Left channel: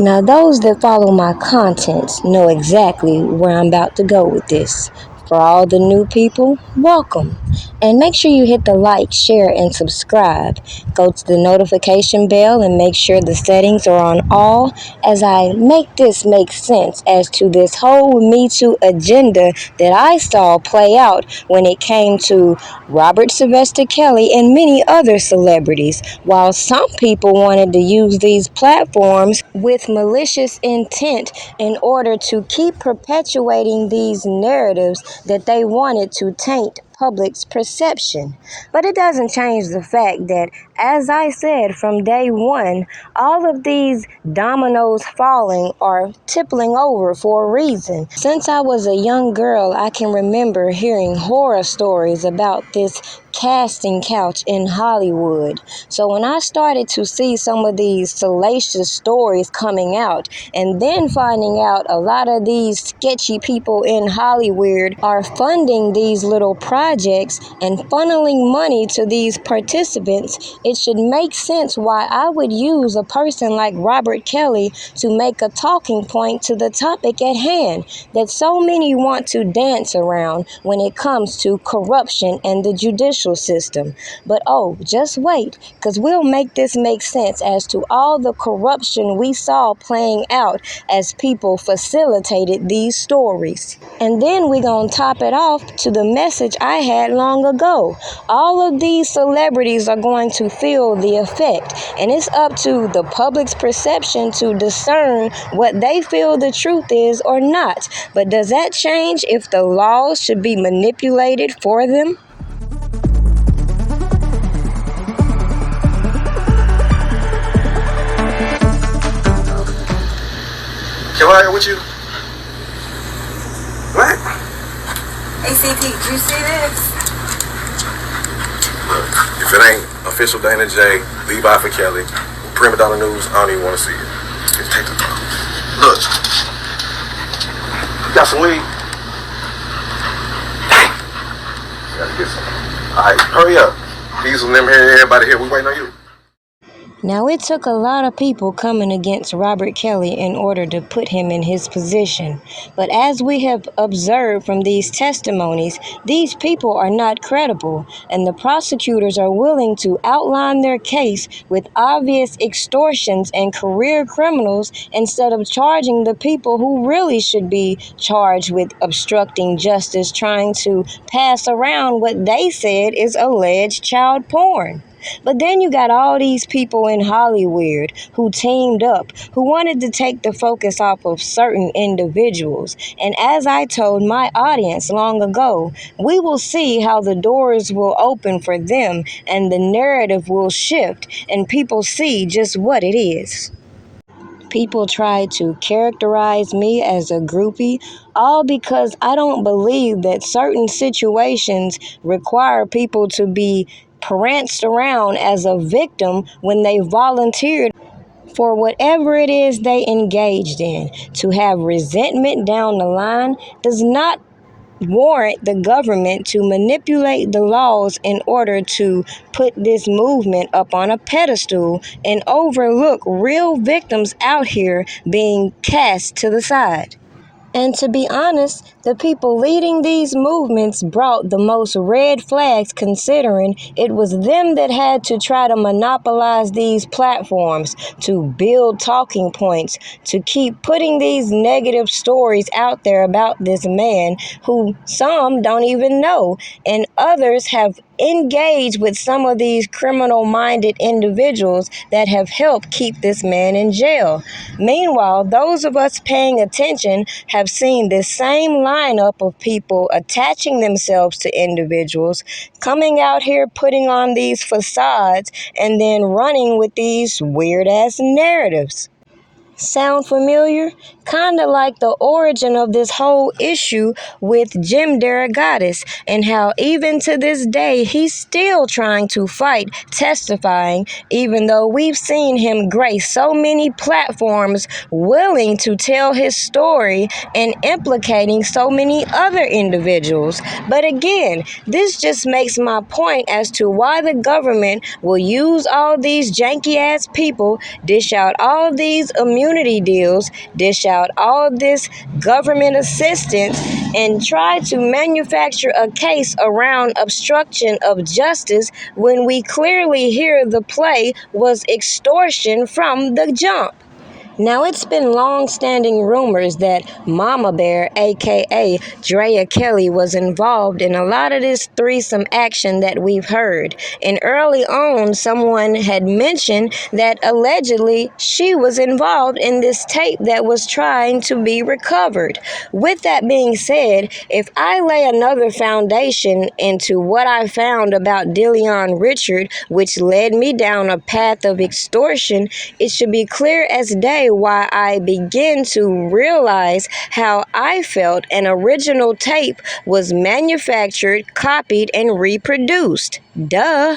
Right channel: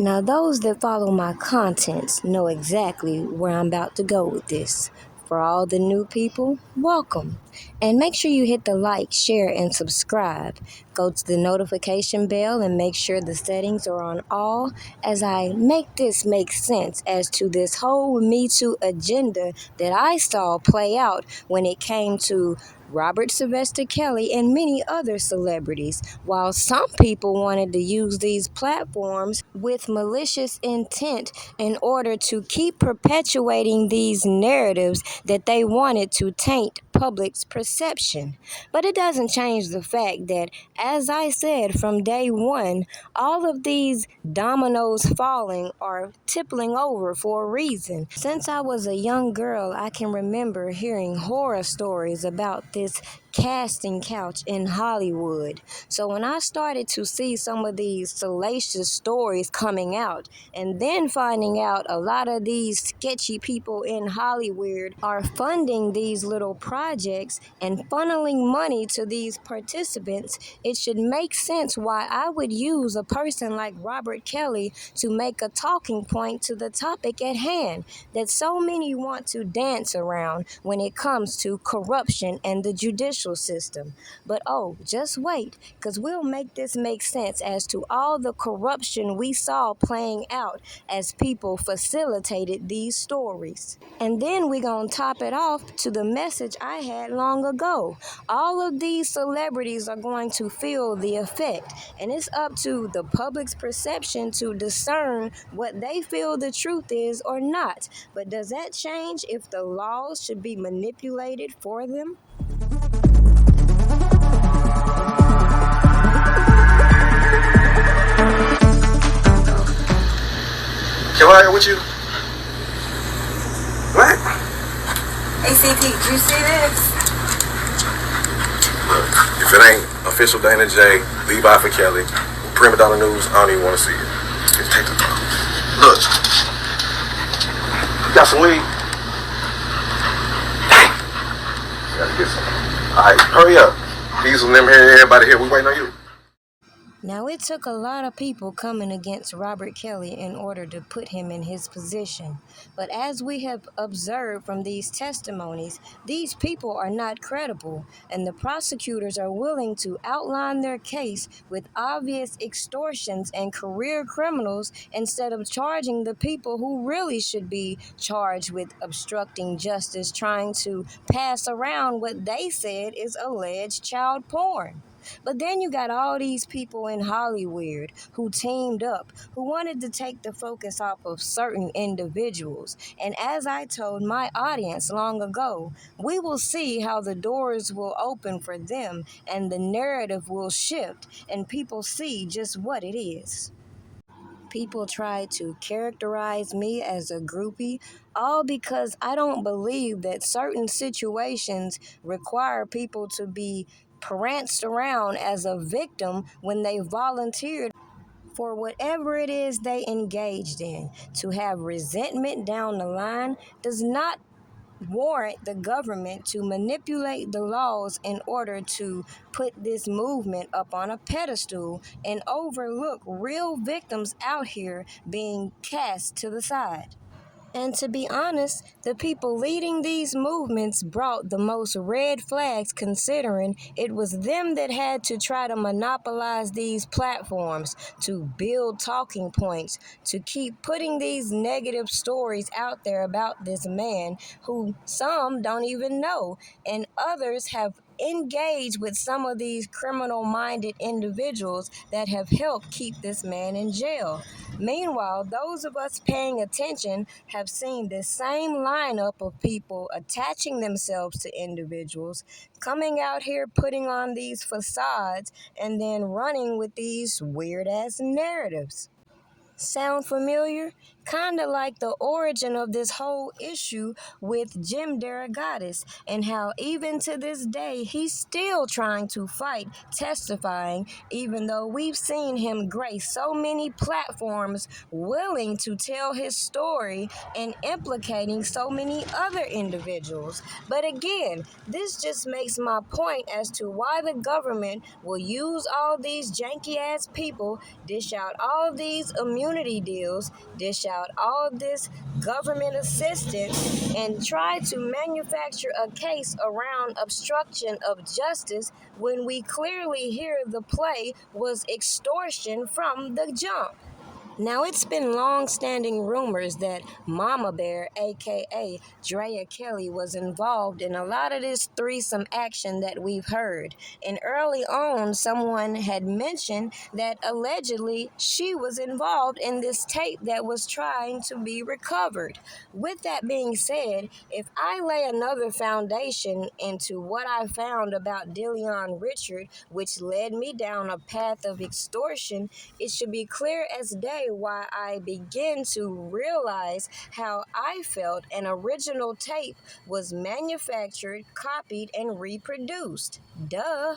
Now, those that follow my content know exactly where I'm about to go with this. For all the new people, welcome. And make sure you hit the like, share, and subscribe. Go to the notification bell and make sure the settings are on all as I make this make sense as to this whole MeToo agenda that I saw play out when it came to Robert Sylvester Kelly and many other celebrities. While some people wanted to use these platforms with malicious intent in order to keep perpetuating these narratives that they wanted to taint public's perception. But it doesn't change the fact that, as I said from day one, all of these dominoes falling are tippling over for a reason. Since I was a young girl, I can remember hearing horror stories about this casting couch in Hollywood. So when I started to see some of these salacious stories coming out, and then finding out a lot of these sketchy people in Hollywood are funding these little projects and funneling money to these participants, it should make sense why I would use a person like Robert Kelly to make a talking point to the topic at hand that so many want to dance around when it comes to corruption and the judicial system. But just wait, because we'll make this make sense as to all the corruption we saw playing out as people facilitated these stories. And then we're going to top it off to the message I had long ago. All of these celebrities are going to feel the effect, and it's up to the public's perception to discern what they feel the truth is or not. But does that change if the laws should be manipulated for them? Can I ride with you? What? ACT, did you see this? Look, if it ain't official Dana J, Levi for Kelly, Primadonnanews, I don't even want to see it. Just take the phone. Look. You got some weed? Dang. Gotta get some. Alright, hurry up. These of them here, everybody here, we waiting on you. Now, it took a lot of people coming against Robert Kelly in order to put him in his position. But as we have observed from these testimonies, these people are not credible, and the prosecutors are willing to outline their case with obvious extortions and career criminals instead of charging the people who really should be charged with obstructing justice, trying to pass around what they said is alleged child porn. But then you got all these people in Hollywood who teamed up, who wanted to take the focus off of certain individuals. And as I told my audience long ago, we will see how the doors will open for them and the narrative will shift and people see just what it is. People try to characterize me as a groupie, all because I don't believe that certain situations require people to be pranced around as a victim when they volunteered for whatever it is they engaged in. To have resentment down the line does not warrant the government to manipulate the laws in order to put this movement up on a pedestal and overlook real victims out here being cast to the side. And to be honest, the people leading these movements brought the most red flags, considering it was them that had to try to monopolize these platforms, to build talking points, to keep putting these negative stories out there about this man who some don't even know, and others have engaged with some of these criminal-minded individuals that have helped keep this man in jail. Meanwhile, those of us paying attention have seen this same lineup of people attaching themselves to individuals, coming out here putting on these facades, and then running with these weird-ass narratives. Sound familiar? Kinda like the origin of this whole issue with Derogatis, and how even to this day he's still trying to fight testifying, even though we've seen him grace so many platforms willing to tell his story and implicating so many other individuals. But again, this just makes my point as to why the government will use all these janky ass people, dish out all these immunity community deals, dish out all this government assistance, and try to manufacture a case around obstruction of justice when we clearly hear the play was extortion from the jump. Now, it's been long-standing rumors that Mama Bear, aka Drea Kelly, was involved in a lot of this threesome action that we've heard. And early on, someone had mentioned that allegedly she was involved in this tape that was trying to be recovered. With that being said, if I lay another foundation into what I found about Dillion Richard, which led me down a path of extortion, it should be clear as day why I begin to realize how I felt an original tape was manufactured, copied, and reproduced. Duh.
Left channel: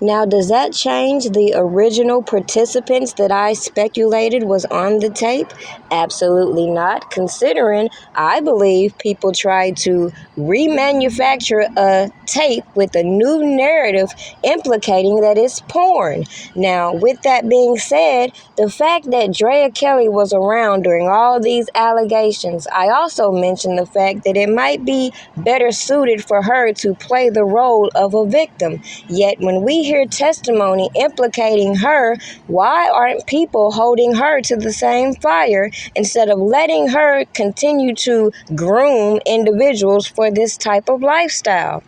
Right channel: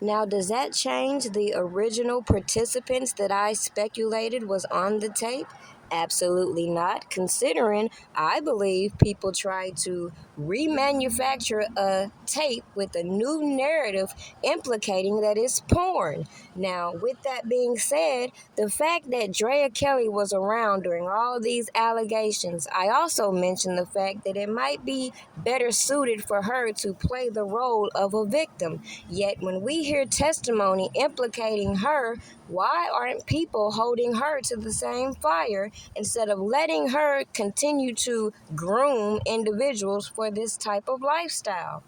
Now, does that change the original participants that I speculated was on the tape? Absolutely not, considering I believe people tried to remanufacture a tape with a new narrative implicating that it's porn. Now, with that being said, the fact that Drea Kelly was around during all these allegations, I also mentioned the fact that it might be better suited for her to play the role of a victim. Yet, when we hear testimony implicating her, why aren't people holding her to the same fire instead of letting her continue to groom individuals for this type of lifestyle?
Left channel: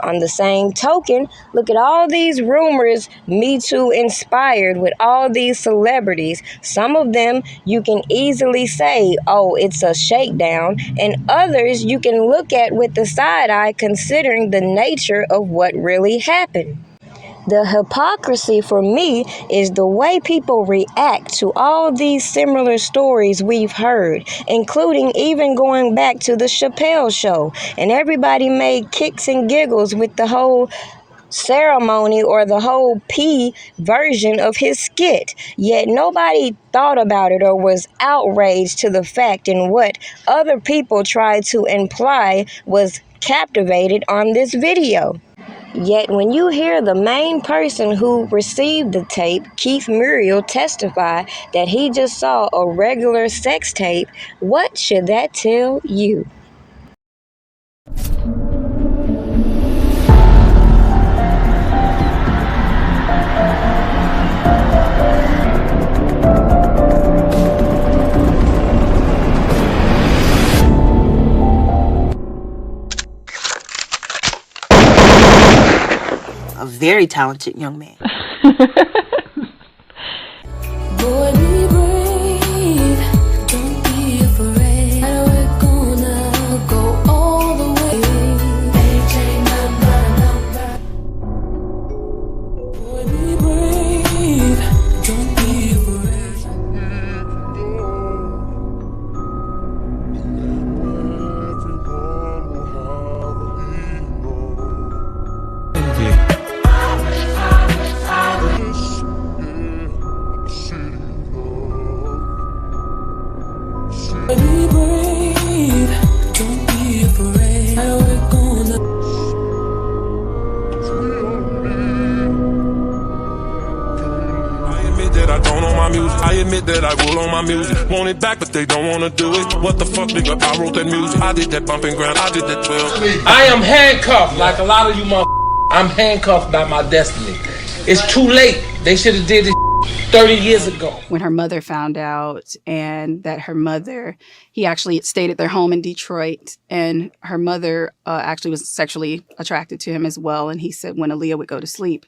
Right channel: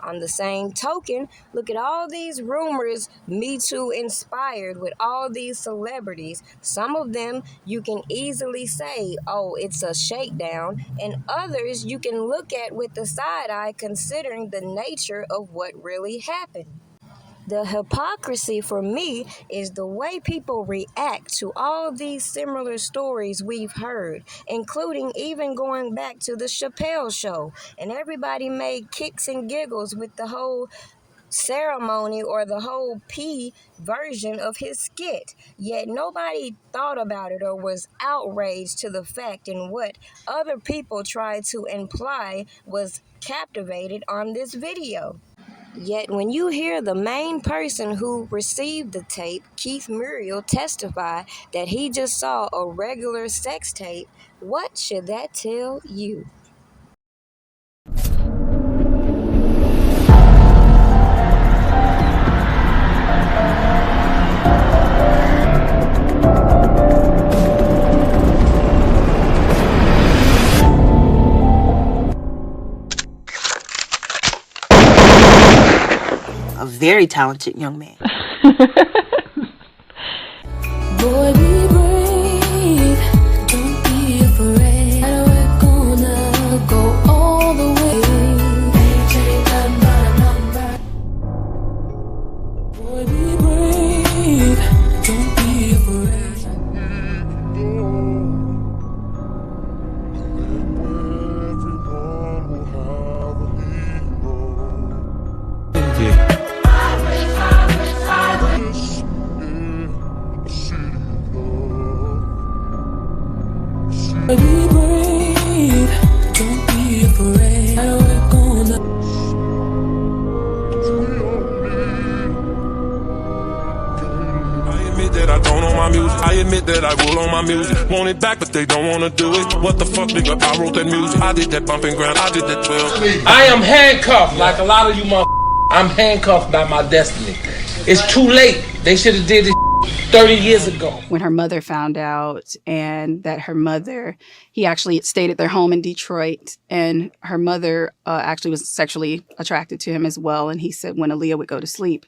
On the same token, look at all these rumors MeToo inspired with all these celebrities. Some of them you can easily say, oh, it's a shakedown, and others you can look at with the side eye considering the nature of what really happened. The hypocrisy for me is the way people react to all these similar stories we've heard, including even going back to the Chapelle show. And everybody made kicks and giggles with the whole ceremony or the whole P version of his skit. Yet nobody thought about it or was outraged to the fact in what other people tried to imply was captivated on this video. Yet when you hear the main person who received the tape, Keith Muriel, testify that he just saw a regular sex tape, what should that tell you? A very talented young man. Boy, be brave, don't be afraid. We're gonna go all the way. Boy, be brave, don't be afraid. Be brave, don't be afraid. We're gonna. I admit that I don't own my music. I admit that I will own my music. Want it back, but they don't wanna do it. What the fuck, nigga? I wrote that music. I did that bumping ground. I did that 12. I am handcuffed, like a lot of you motherfuckers. I'm handcuffed by my destiny. It's too late. They should have did this 30 years ago. When her mother found out, and that her mother, he actually stayed at their home in Detroit, and her mother actually was sexually attracted to him as well. And he said when Aaliyah would go to sleep,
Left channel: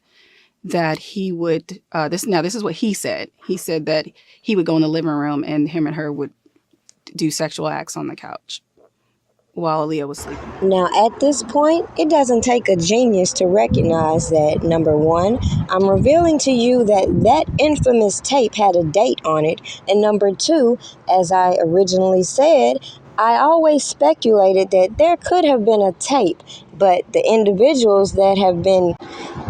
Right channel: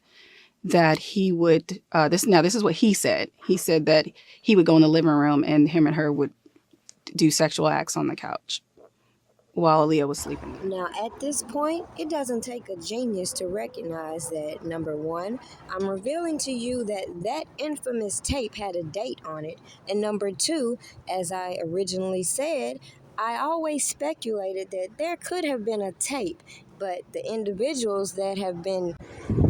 that he would, this is what he said. He said that he would go in the living room and him and her would do sexual acts on the couch while Aaliyah was sleeping. Now, at this point, it doesn't take a genius to recognize that, number one, I'm revealing to you that that infamous tape had a date on it, and number two, as I originally said, I always speculated that there could have been a tape, but the individuals that have been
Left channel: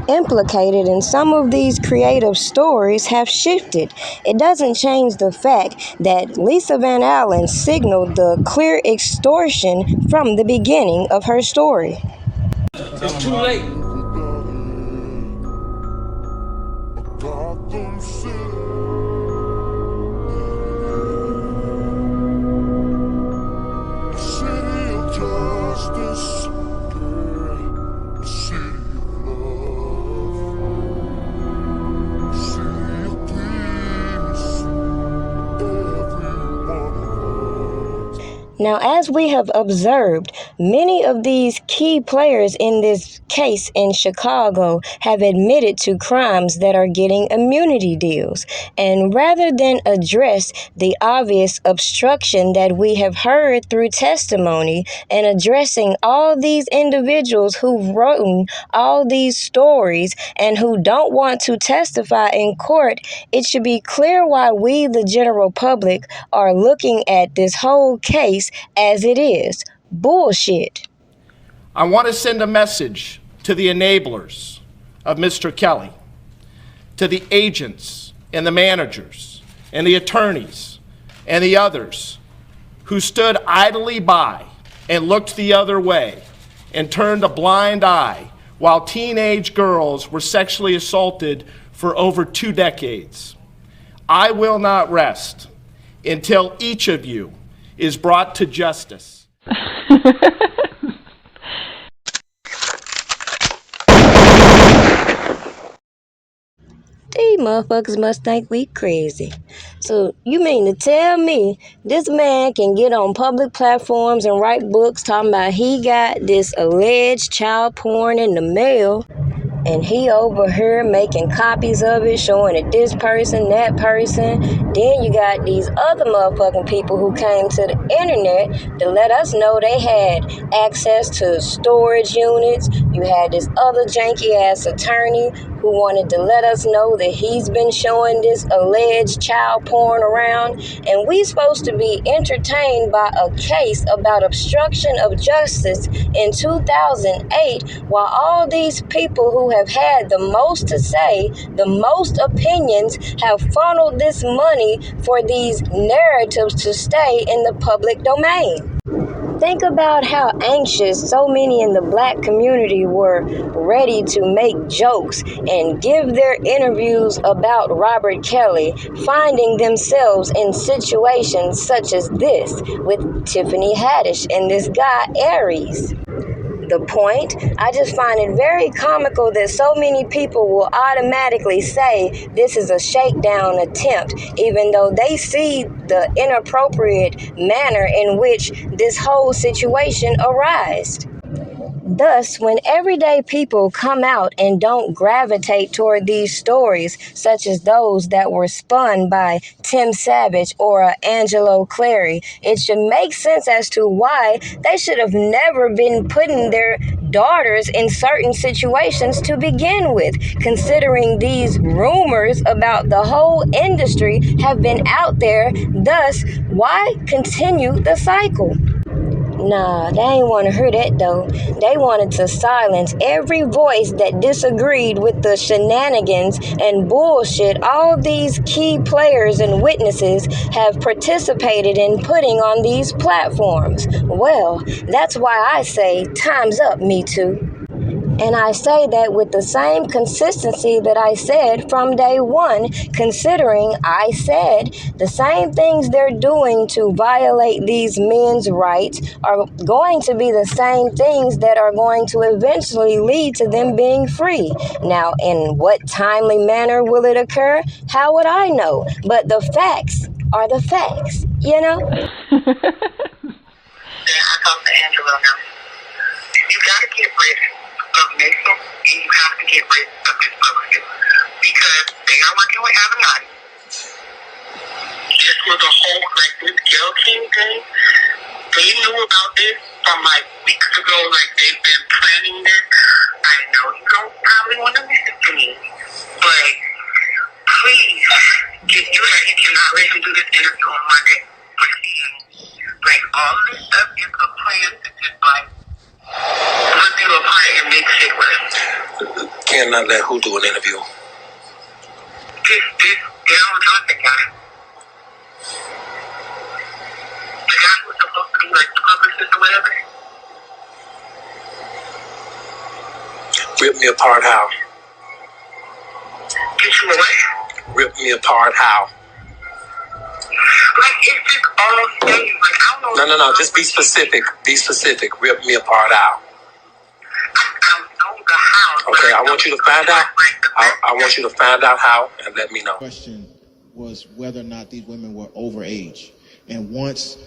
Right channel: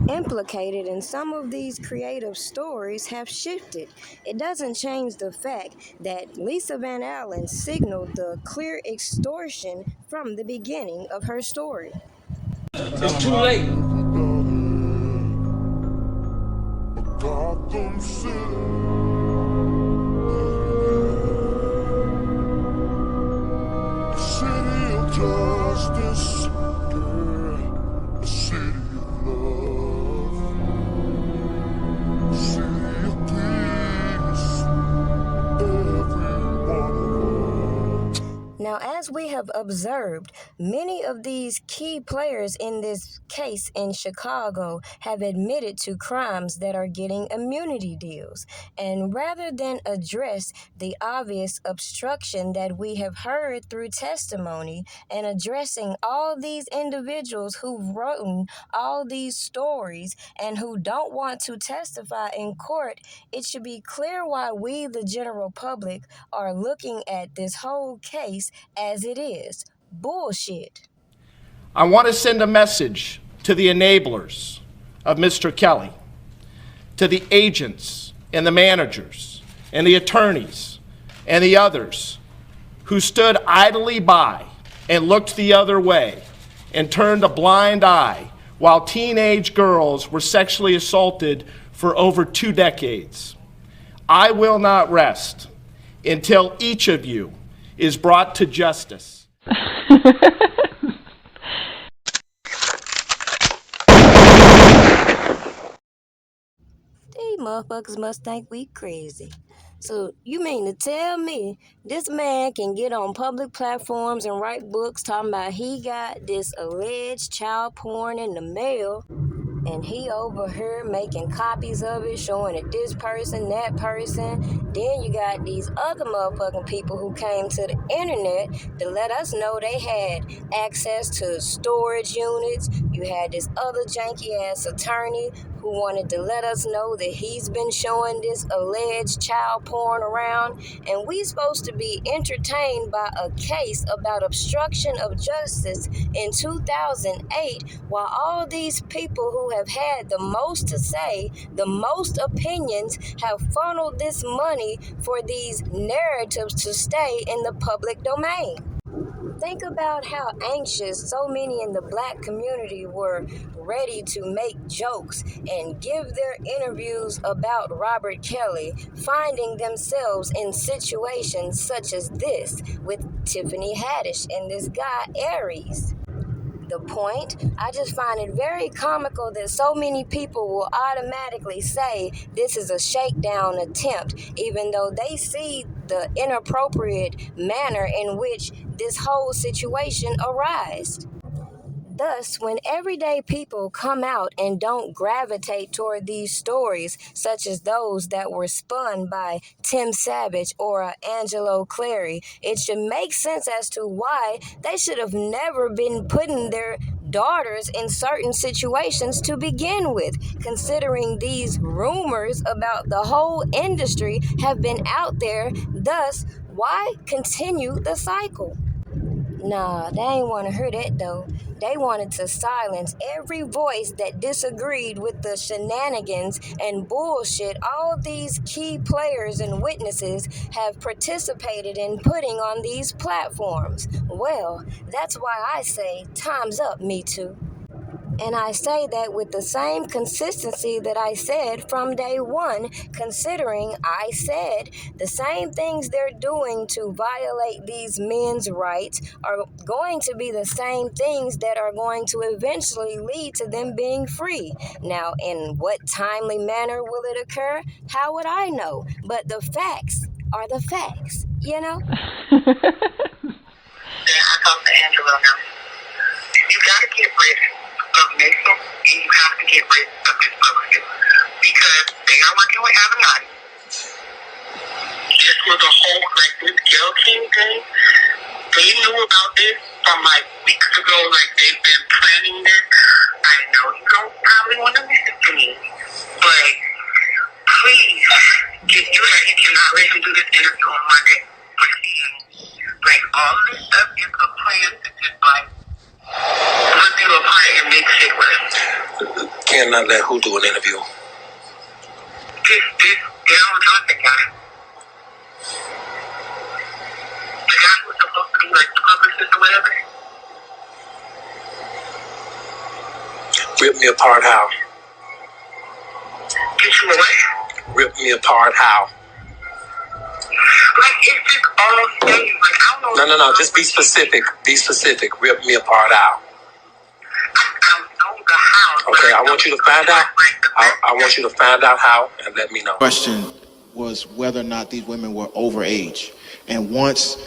implicated in some of these creative stories have shifted. It doesn't change the fact that Lisa Van Allen signaled the clear extortion from the beginning of her story. It's too late. Now, as we have observed, many of these key players in this case in Chicago have admitted to crimes that are getting immunity deals. And rather than address the obvious obstruction that we have heard through testimony and addressing all these individuals who've written all these stories and who don't want to testify in court, it should be clear why we, the general public, are looking at this whole case as it is. Bullshit. I want to send a message to the enablers of Mr. Kelly, to the agents and the managers and the attorneys and the others who stood idly by and looked the other way and turned a blind eye while teenage girls were sexually assaulted for over 2 decades. I will not rest until each of you is brought to justice. These motherfuckers must think we crazy. So you mean to tell me this man can get on public platforms and write books talking about he got this alleged child porn in the mail, and he over here making copies of it, showing it this person, that person. Then you got these other motherfucking people who came to the internet to let us know they had access to storage units. You had this other janky ass attorney who wanted to let us know that he's been showing this alleged child porn around. And we supposed to be entertained by a case about obstruction of justice in 2008, while all these people who have had the most to say, the most opinions, have funneled this money for these narratives to stay in the public domain. Think about how anxious so many in the black community were ready to make jokes and give their interviews about Robert Kelly, finding themselves in situations such as this with Tiffany Haddish and this guy Aries. The point, I just find it very comical that so many people will automatically say this is a shakedown attempt, even though they see the inappropriate manner in which this whole situation arose. Thus, when everyday people come out and don't gravitate toward these stories, such as those that were spun by Tim Savage or Angelo Clary, it should make sense as to why they should have never been putting their daughters in certain situations to begin with, considering these rumors about the whole industry have been out there. Thus, why continue the cycle? Nah, they ain't want to hear that though. They wanted to silence every voice that disagreed with the shenanigans and bullshit all these key players and witnesses have participated in putting on these platforms. Well, that's why I say time's up, MeToo. And I say that with the same consistency that I said from day one, considering I said the same things they're doing to violate these men's rights are going to be the same things that are going to eventually lead to them being free. Now, in what timely manner will it occur? How would I know? But the facts are the facts, you know? I talk to Angelo now. You gotta get rid of Mason, and you have to get rid of this publicist because they are working with Avenatti. This was a whole, like, this Zelle Pay thing. They knew about this from like weeks ago, like they've been planning this. I know you don't probably want to listen to me, but please, you cannot let him do this interview on Monday. Like, all of this stuff is a plan to just, like, put you apart and make shit worse. Cannot let who do an interview? This Daryl Johnson guy. The guy who's supposed to be, like, the publicist or whatever. Rip me apart how? Get you away? Rip me apart how? Like, it's just all stage. Like, I don't know. No. Just be specific. Be specific. Rip me apart how? I know the how. Okay, I want you to find out. I want you to find out how and let me know. Question. was whether or not these women were over age. And once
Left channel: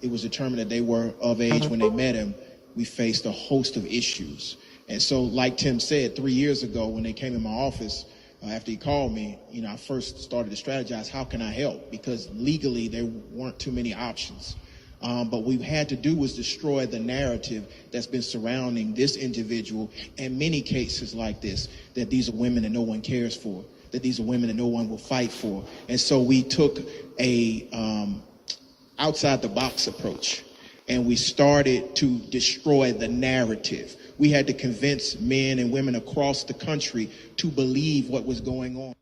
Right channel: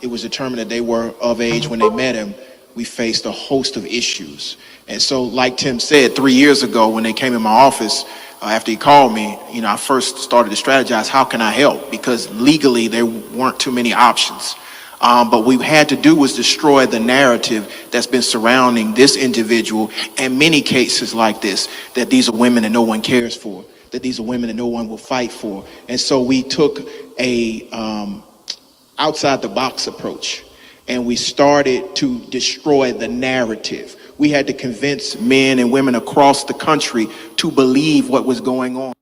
it was determined that they were of age when they met him, we faced a host of issues. And so, like Tim said, 3 years ago when they came in my office, after he called me, I first started to strategize, how can I help? Because legally there weren't too many options. But what we had to do was destroy the narrative that's been surrounding this individual and many cases like this, that these are women that no one cares for, that these are women that no one will fight for. And so we took a outside the box approach, and we started to destroy the narrative. We had to convince men and women across the country to believe what was going on.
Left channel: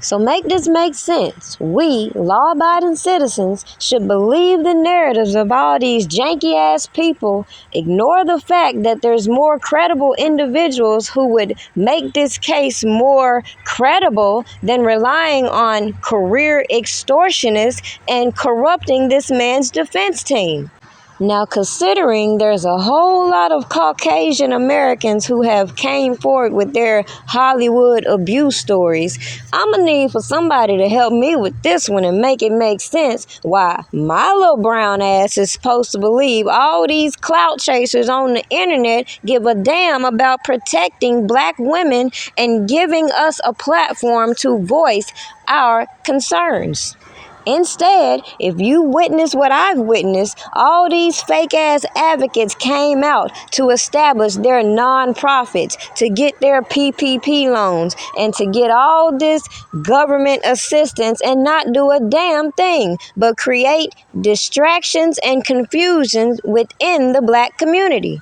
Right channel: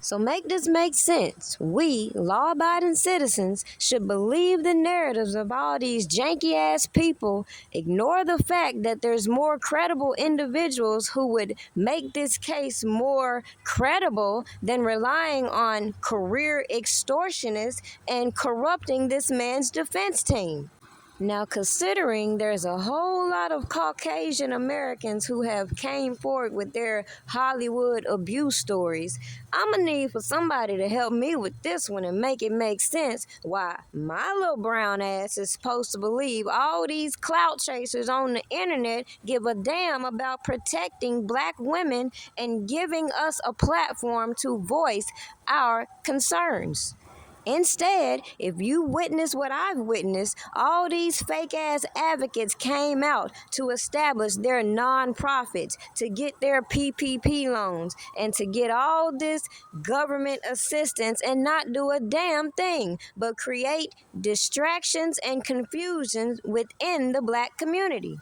So make this make sense. We, law-abiding citizens, should believe the narratives of all these janky-ass people, ignore the fact that there's more credible individuals who would make this case more credible than relying on career extortionists and corrupting this man's defense team. Now, considering there's a whole lot of Caucasian Americans who have came forward with their Hollywood abuse stories, I'm gonna need for somebody to help me with this one and make it make sense why my little brown ass is supposed to believe all these clout chasers on the internet give a damn about protecting black women and giving us a platform to voice our concerns. Instead, if you witness what I've witnessed, all these fake-ass advocates came out to establish their non-profits, to get their PPP loans, and to get all this government assistance and not do a damn thing, but create distractions and confusion within the black community.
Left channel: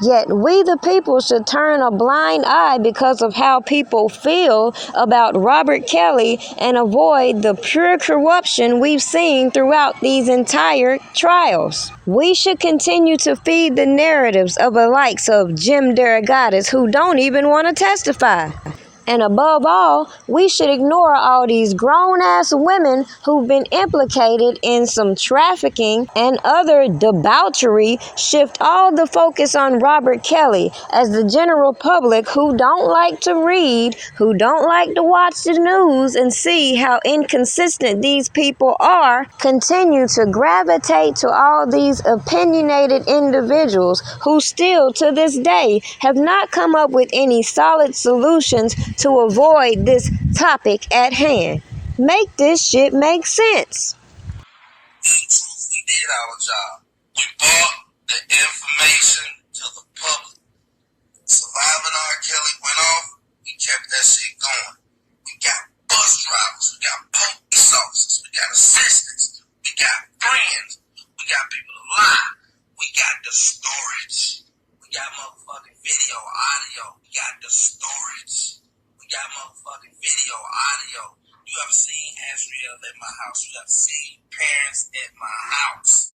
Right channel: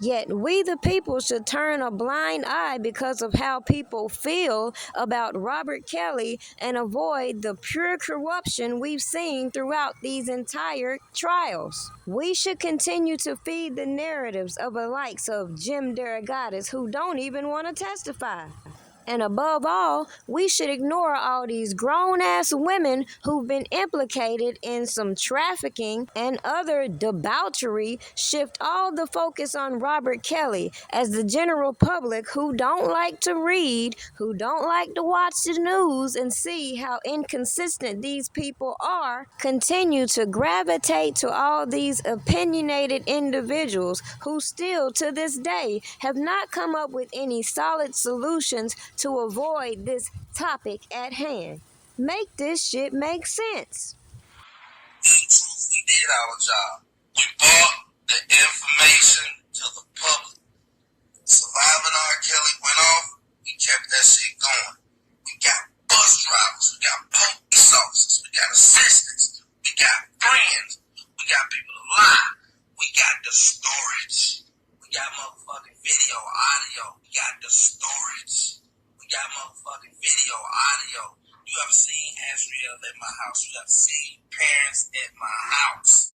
Yet we the people should turn a blind eye because of how people feel about Robert Kelly and avoid the pure corruption we've seen throughout these entire trials. We should continue to feed the narratives of the likes of Jim Derogatis who don't even want to testify. And above all, we should ignore all these grown-ass women who've been implicated in some trafficking and other debauchery, shift all the focus on Robert Kelly as the general public who don't like to read, who don't like to watch the news and see how inconsistent these people are, continue to gravitate to all these opinionated individuals who still to this day have not come up with any solid solutions to avoid this topic at hand. Make this shit make sense. We did our job. We brought the information to the public. Surviving R. Kelly went off, we kept that shit going. We got bus drivers, we got police officers, we got assistants, we got friends, we got people to lie, we got the storage, we got motherfucking video, audio, we got the storage. Got motherfucking video, audio. You ever seen Asriel at my house? You ever seen parents at my house?